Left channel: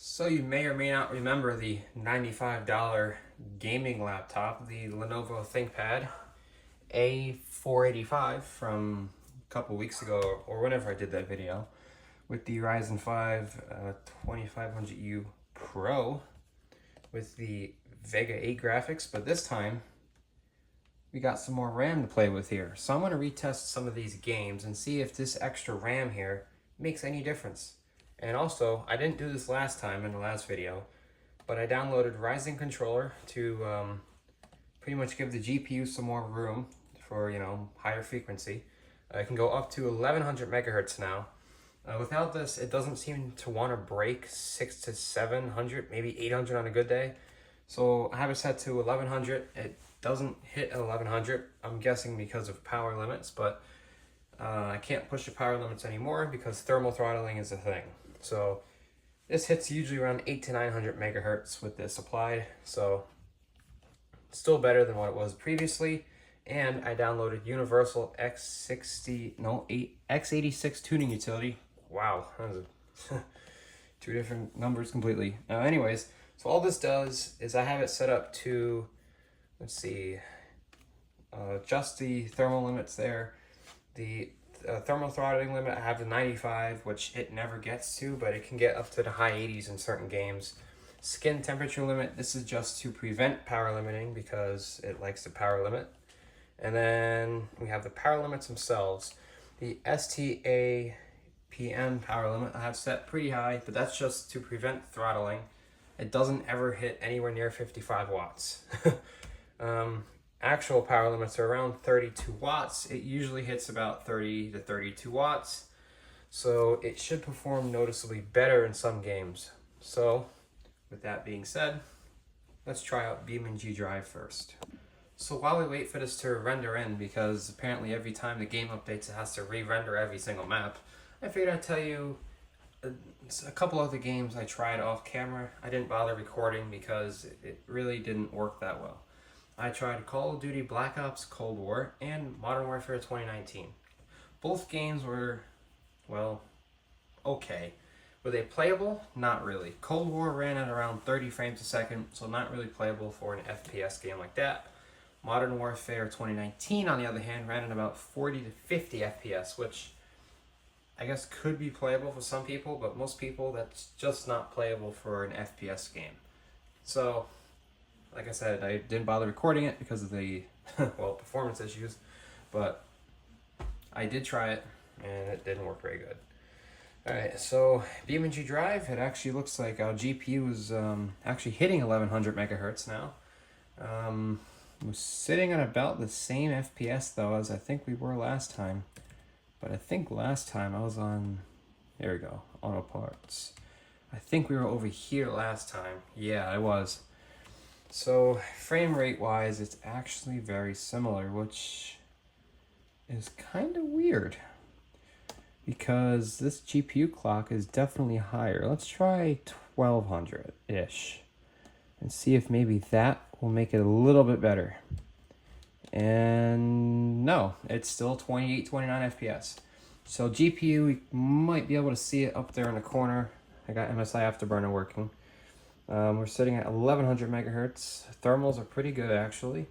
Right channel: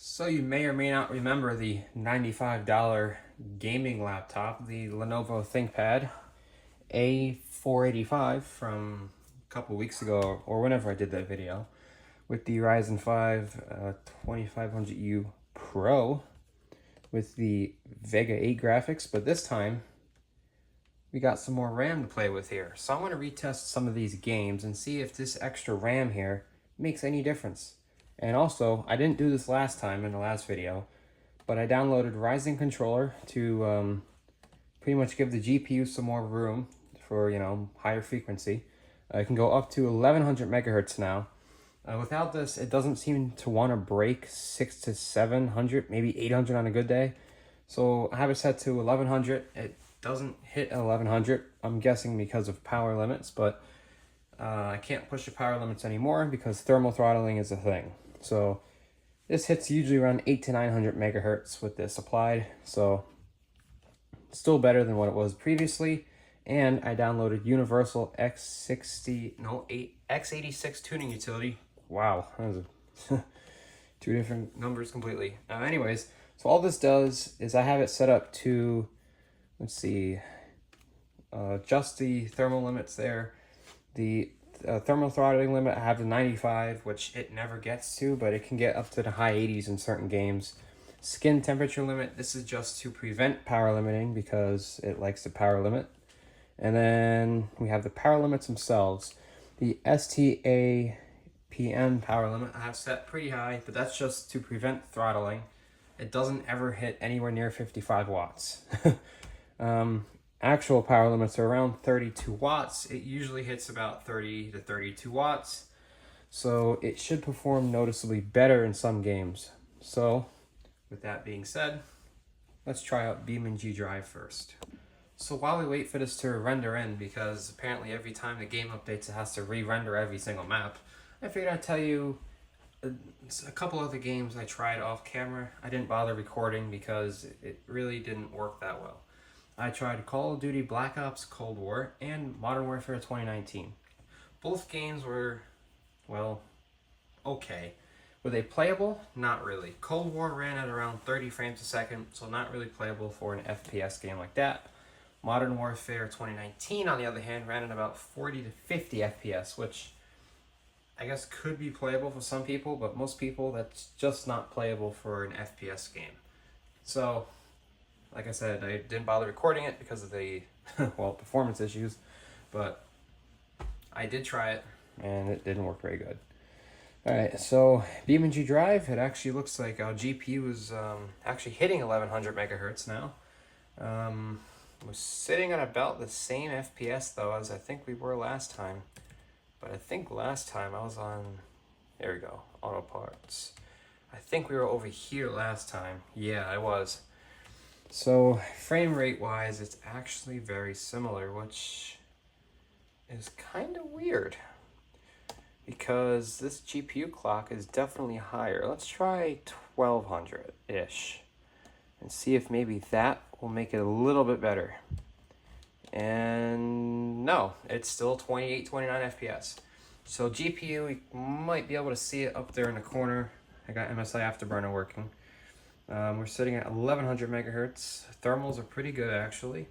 So you may or may not remember the $95 gaming laptop, the Lenovo ThinkPad A485 from a couple weeks ago or whenever I did that video with the Ryzen 5 2500U Pro with the Vega 8 graphics, but this time we got some more RAM to play with here. So I'm going to retest some of these games and see if this extra RAM here makes any difference. And also, I didn't do this last time in the last video, but I downloaded Ryzen controller to pretty much give the GPU some more room for, higher frequency. I can go up to 1100 megahertz now. Without this, it doesn't seem to want to break 600 to 700, maybe 800 on a good day. So I have it set to 1100. It doesn't hit 1100, I'm guessing because of power limits, but I can't push the power limits anymore because thermal throttling is a thing. So this hits usually around 800 to 900 megahertz with this applied, so still better than what it was previously. And I downloaded Universal X86 tuning utility. Wow, that was two different numbers completely. Anyways, so all this does is I have it set up to, let's see, adjust the thermal limits there. The thermal throttling limit, I have the 95, which it never gets to, but it can get up to the high 80s in certain games. Skin temperature limit, this is just to prevent power limiting because it likes to power limit. And then we have the power limits themselves. The STAPM power limit I have set pretty high, but that's just to prevent throttling. It doesn't ever hit anywhere near 55 watts. Actual power limits are around 32 watts. It usually hits about 30 to 32 watts. So it should perform noticeably better in some games. So with that being said, let's try out BeamNG Drive first. So while we wait for this to render in, because apparently every time the game updates it has to re-render every single map, I figured I'd tell you a couple other games I tried off camera. I didn't bother recording because it really didn't work that well. I tried Call of Duty Black Ops Cold War and Modern Warfare 2019. Both games were, well, okay. Were they playable? Not really. Cold War ran at around 30 frames a second, so not really playable for an FPS game like that. Modern Warfare 2019, on the other hand, ran at about 40 to 50 FPS, which I guess could be playable for some people, but most people, that's just not playable for an FPS game. So, like I said, I didn't bother recording it because of the, well, performance issues, but I did try it, and it didn't work very good. Alright, so BeamNG Drive, it actually looks like our GPU is actually hitting 1100 megahertz now. We're sitting on about the same FPS, though, as I think we were last time. But I think last time I was on, there we go, auto parts. I think we were over here last time. Yeah, I was. So frame rate wise, it's actually very similar, which is kind of weird because this GPU clock is definitely higher. Let's try 1200-ish and see if maybe that will make it a little bit better. And no, it's still 28, 29 FPS. So GPU, we might be able to see it up there in the corner. I got MSI Afterburner working. We're sitting at 1100 megahertz. Thermals are pretty good actually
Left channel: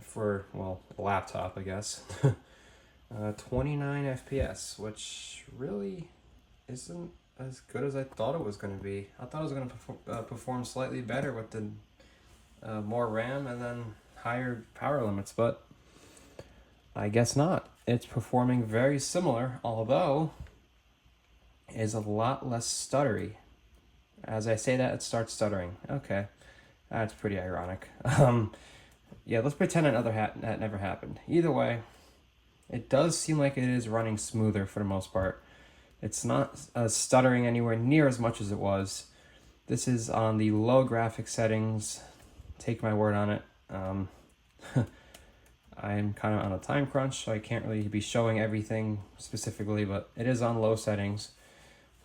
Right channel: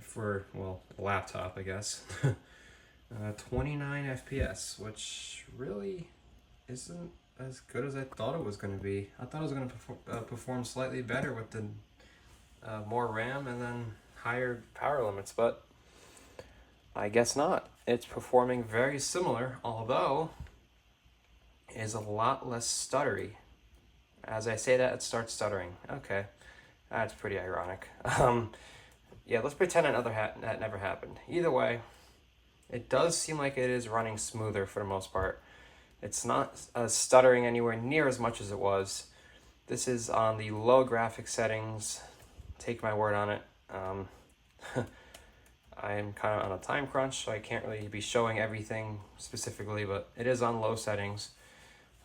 for, well, a laptop, I guess. 29 FPS, which really isn't as good as I thought it was going to be. I thought it was going to perform slightly better with the more RAM and then higher power limits, but I guess not. It's performing very similar, although it is a lot less stuttery. As I say that, it starts stuttering. Okay, that's pretty ironic. Yeah, let's pretend that never happened. Either way, it does seem like it is running smoother for the most part. It's not stuttering anywhere near as much as it was. This is on the low graphics settings. Take my word on it. I'm kind of on a time crunch, so I can't really be showing everything specifically, but it is on low settings.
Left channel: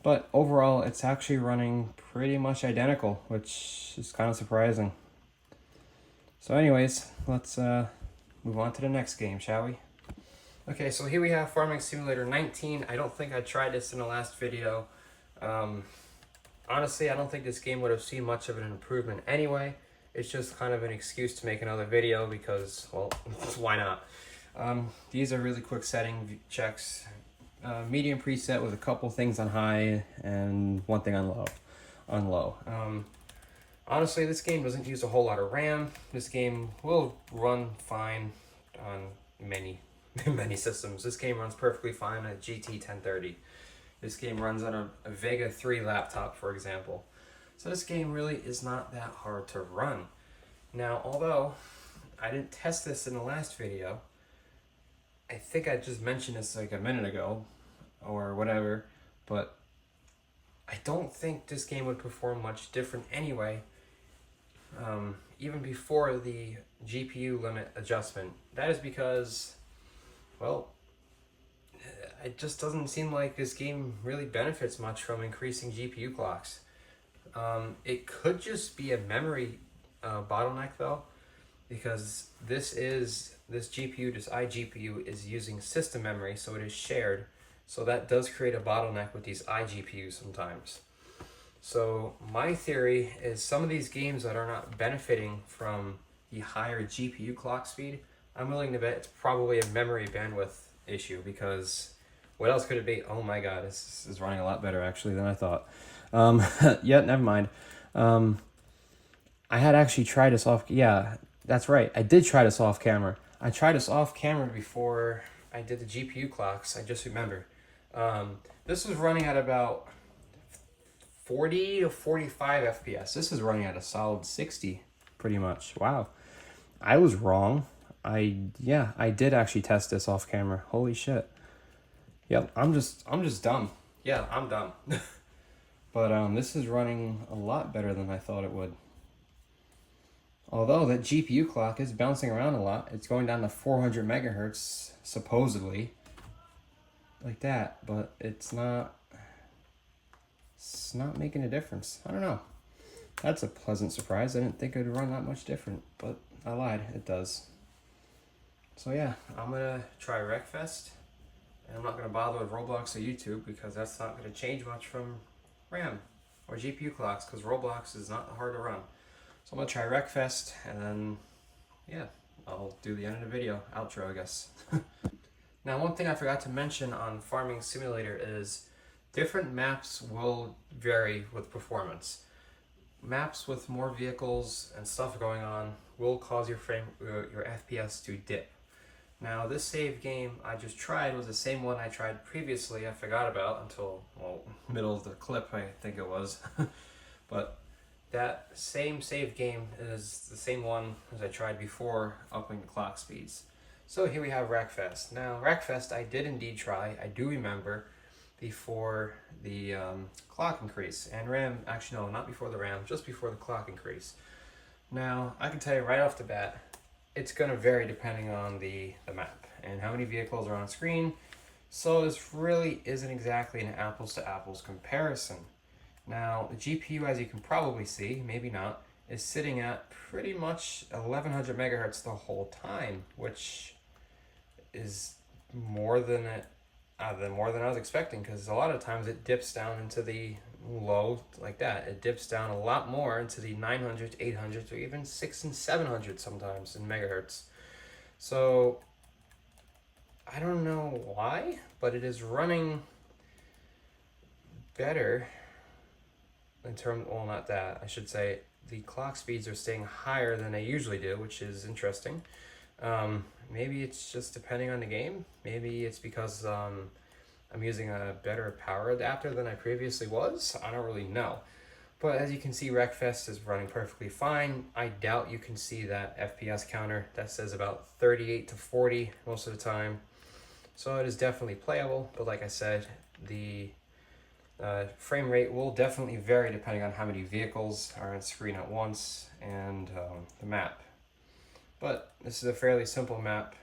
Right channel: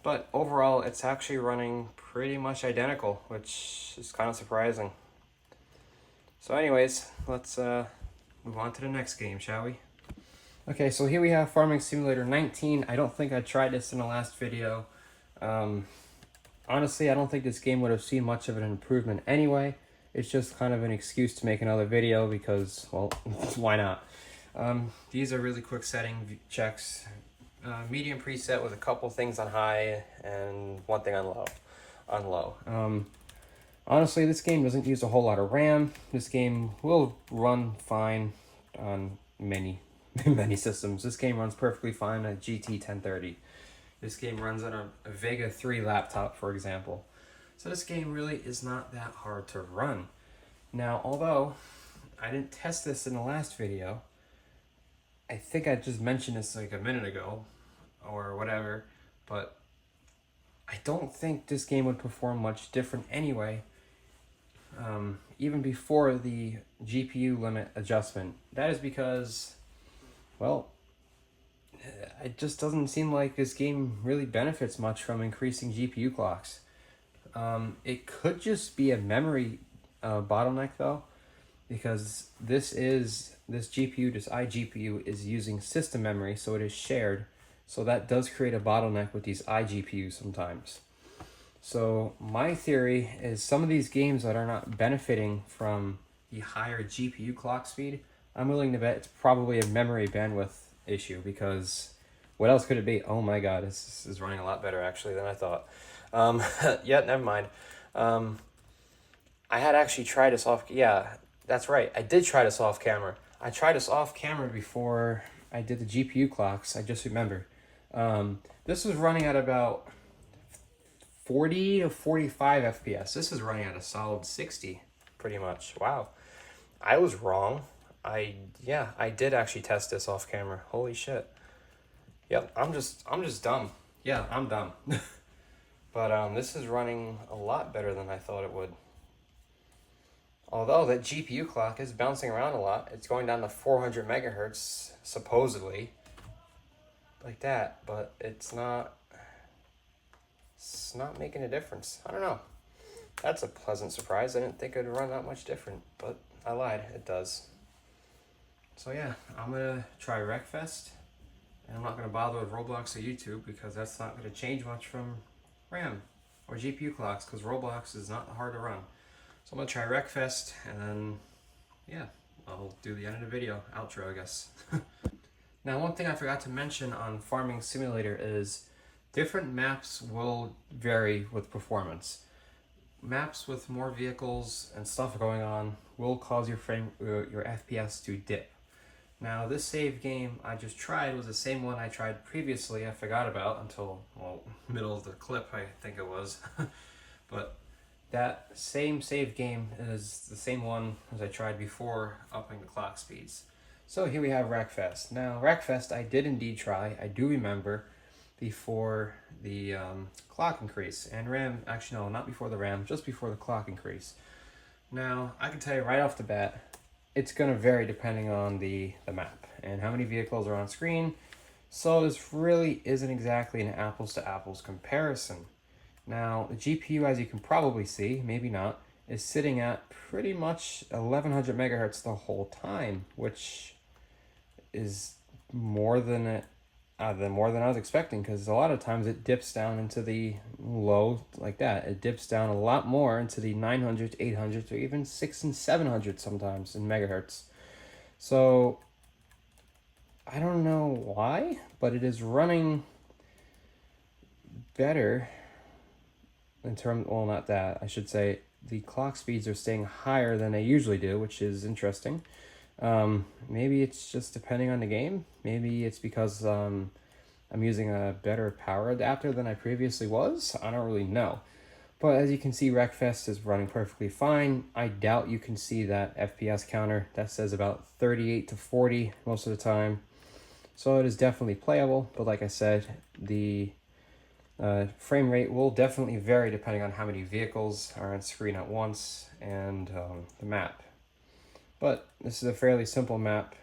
But overall, it's actually running pretty much identical, which is kind of surprising. So anyways, let's move on to the next game, shall we? Okay, so here we have Farming Simulator 19. I don't think I tried this in the last video. honestly, I don't think this game would have seen much of an improvement anyway. It's just kind of an excuse to make another video because, well, why not? These are really quick setting checks. Medium preset with a couple things on high and one thing on low. Honestly, this game doesn't use a whole lot of RAM. This game will run fine on many systems. This game runs perfectly fine on a GT 1030. This game runs on a Vega 3 laptop, for example. So this game really is not that hard to run. Now, although I didn't test this in the last video, I think I just mentioned this like a minute ago or whatever, but I don't think this game would perform much different anyway, even before the GPU limit adjustment. That is because, well, it just doesn't seem like this game really benefits much from increasing GPU clocks. It could just be a memory bottleneck though, because this GPU, this iGPU, is using system memory, so it is shared. So that does create a bottleneck with these iGPUs sometimes. So my theory is some of these games that are not benefiting from the higher GPU clock speed, I'm willing to bet it's probably a memory bandwidth issue, because what else could it be? Oh my god, this is running a lot better actually than I thought. Yeah, never mind. I had actually tried this off, yeah, that's right, I did try this off camera. I tried this off camera before I did the GPU clocks, I just remembered. This was running at about 40 to 45 FPS. This is running at a solid 60, pretty much. Wow, I was wrong. I did actually test this off camera. Holy shit. Yep, I'm just dumb. Yeah, I'm dumb. But this is running a lot better than I thought it would. Although that GPU clock is bouncing around a lot. It's going down to 400 megahertz, supposedly. Like that, but it's not making a difference. I don't know. That's a pleasant surprise. I didn't think it would run that much different, but I lied. It does. So yeah, I'm gonna try Wreckfest, and I'm not gonna bother with Roblox or YouTube because that's not gonna change much from RAM or GPU clocks, because Roblox is not hard to run. So I'm gonna try Wreckfest, and then yeah, I'll do the end of the video, outro, I guess. Now, one thing I forgot to mention on Farming Simulator is different maps will vary with performance. Maps with more vehicles and stuff going on will cause your FPS to dip. Now, this save game I just tried was the same one I tried previously. I forgot about until, well, middle of the clip, I think it was. But that same save game is the same one as I tried before, upping the clock speeds. So here we have Wreckfest. Now, Wreckfest I did indeed try. I do remember before the clock increase. And RAM, actually no, not before the RAM, just before the clock increase. Now, I can tell you right off the bat, it's going to vary depending on the map and how many vehicles are on screen. So this really isn't exactly an apples to apples comparison. Now, the GPU, as you can probably see, maybe not, is sitting at pretty much 1100 megahertz the whole time, which is more than I was expecting, because a lot of times it dips down into the low like that. It dips down a lot more into the 900 to 800 to even 600 and 700 sometimes in megahertz. So I don't know why, but it is running better in terms, well, not that, I should say the clock speeds are staying higher than they usually do, which is interesting. Maybe it's just depending on the game. Maybe it's because I'm using a better power adapter than I previously was. I don't really know. But as you can see, Wreckfest is running perfectly fine. I doubt you can see that FPS counter. That says about 38 to 40 most of the time. So it is definitely playable, but like I said, the frame rate will definitely vary depending on how many vehicles are on screen at once and the map. But this is a fairly simple map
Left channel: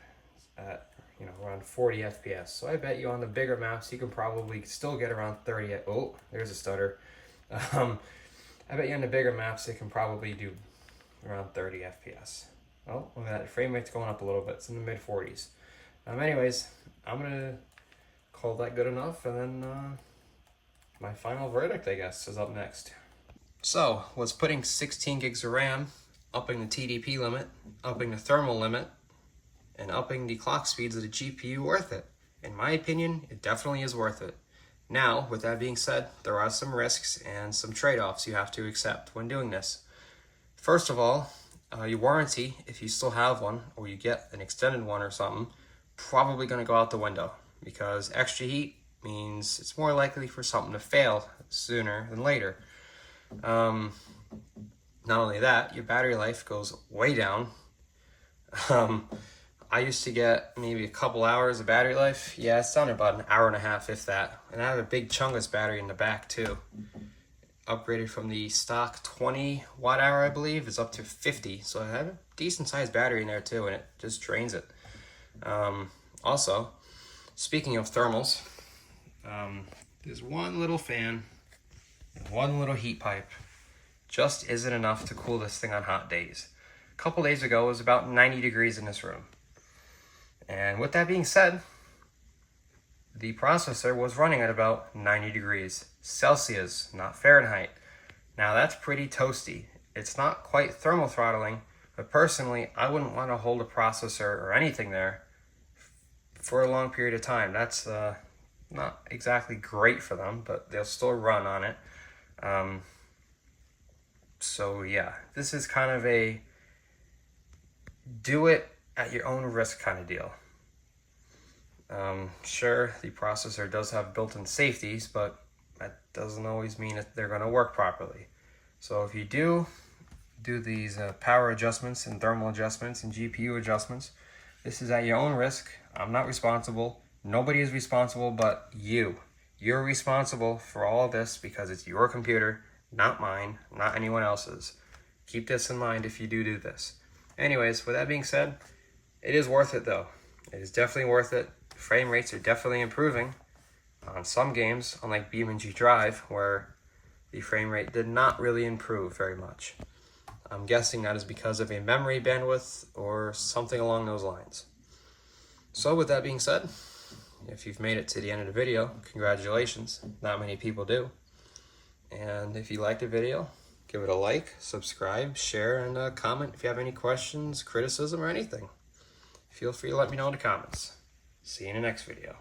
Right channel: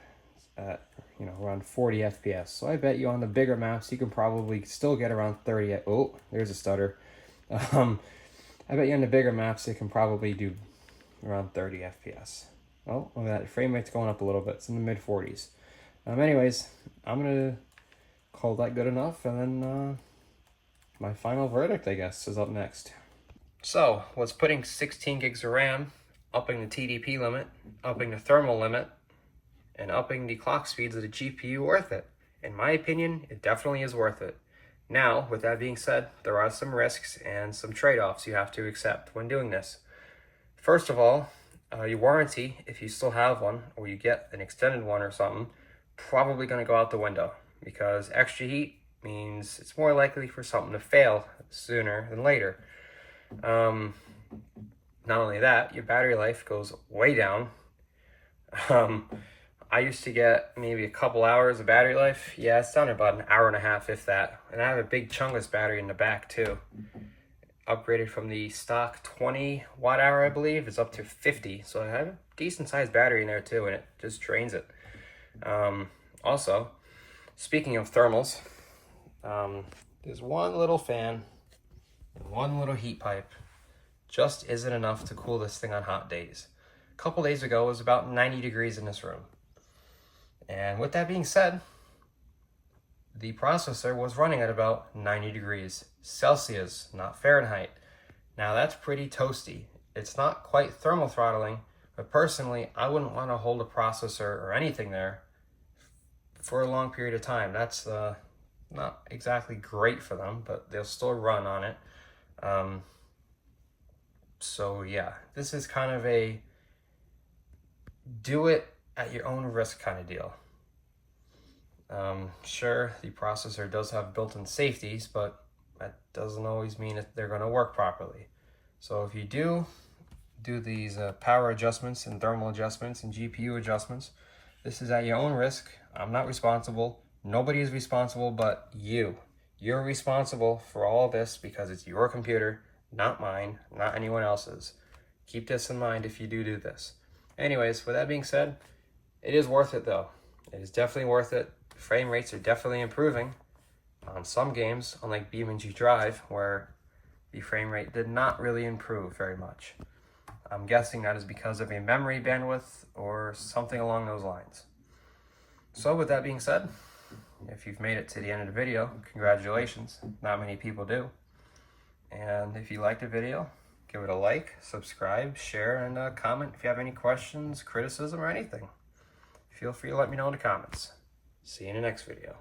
at, you know, around 40 FPS. So I bet you on the bigger maps you can probably still get around 30. Oh, there's a stutter. I bet you on the bigger maps it can probably do around 30 FPS. Oh, look at that, frame rate's going up a little bit. It's in the mid 40s. Anyways, I'm gonna call that good enough, and then my final verdict, I guess, is up next. So, was putting 16 gigs of RAM, upping the TDP limit, upping the thermal limit, and upping the clock speeds of the GPU worth it? In my opinion, it definitely is worth it. Now, with that being said, there are some risks and some trade-offs you have to accept when doing this. First of all, your warranty, if you still have one, or you get an extended one or something, probably going to go out the window, because extra heat means it's more likely for something to fail sooner than later. Not only that, your battery life goes way down. I used to get maybe a couple hours of battery life. Yeah, it's down to about an hour and a half, if that. And I have a big chunkless battery in the back too. Upgraded from the stock 20 watt hour, I believe, is up to 50. So I have a decent sized battery in there too, and it just drains it. Also, speaking of thermals, there's one little fan and one little heat pipe. Just isn't enough to cool this thing on hot days. A couple days ago, it was about 90 degrees in this room. And with that being said, the processor was running at about 90 degrees Celsius, not Fahrenheit. Now that's pretty toasty. It's not quite thermal throttling, but personally, I wouldn't want to hold a processor or anything there for a long period of time. That's not exactly great for them, but they'll still run on it. So yeah, this is kind of a do it at your own risk kind of deal. Sure, the processor does have built-in safeties, but that doesn't always mean that they're going to work properly. So if you do these power adjustments and thermal adjustments and GPU adjustments, this is at your own risk. I'm not responsible. Nobody is responsible but you. You're responsible for all this because it's your computer, not mine, not anyone else's. Keep this in mind if you do this. Anyways, with that being said, it is worth it though. It is definitely worth it. Frame rates are definitely improving on some games, unlike BeamNG Drive, where the frame rate did not really improve very much. I'm guessing that is because of a memory bandwidth or something along those lines. So with that being said, if you've made it to the end of the video, congratulations. Not many people do. And if you liked the video, give it a like, subscribe, share, and comment if you have any questions, criticism, or anything. Feel free to let me know in the comments. See you in the next video.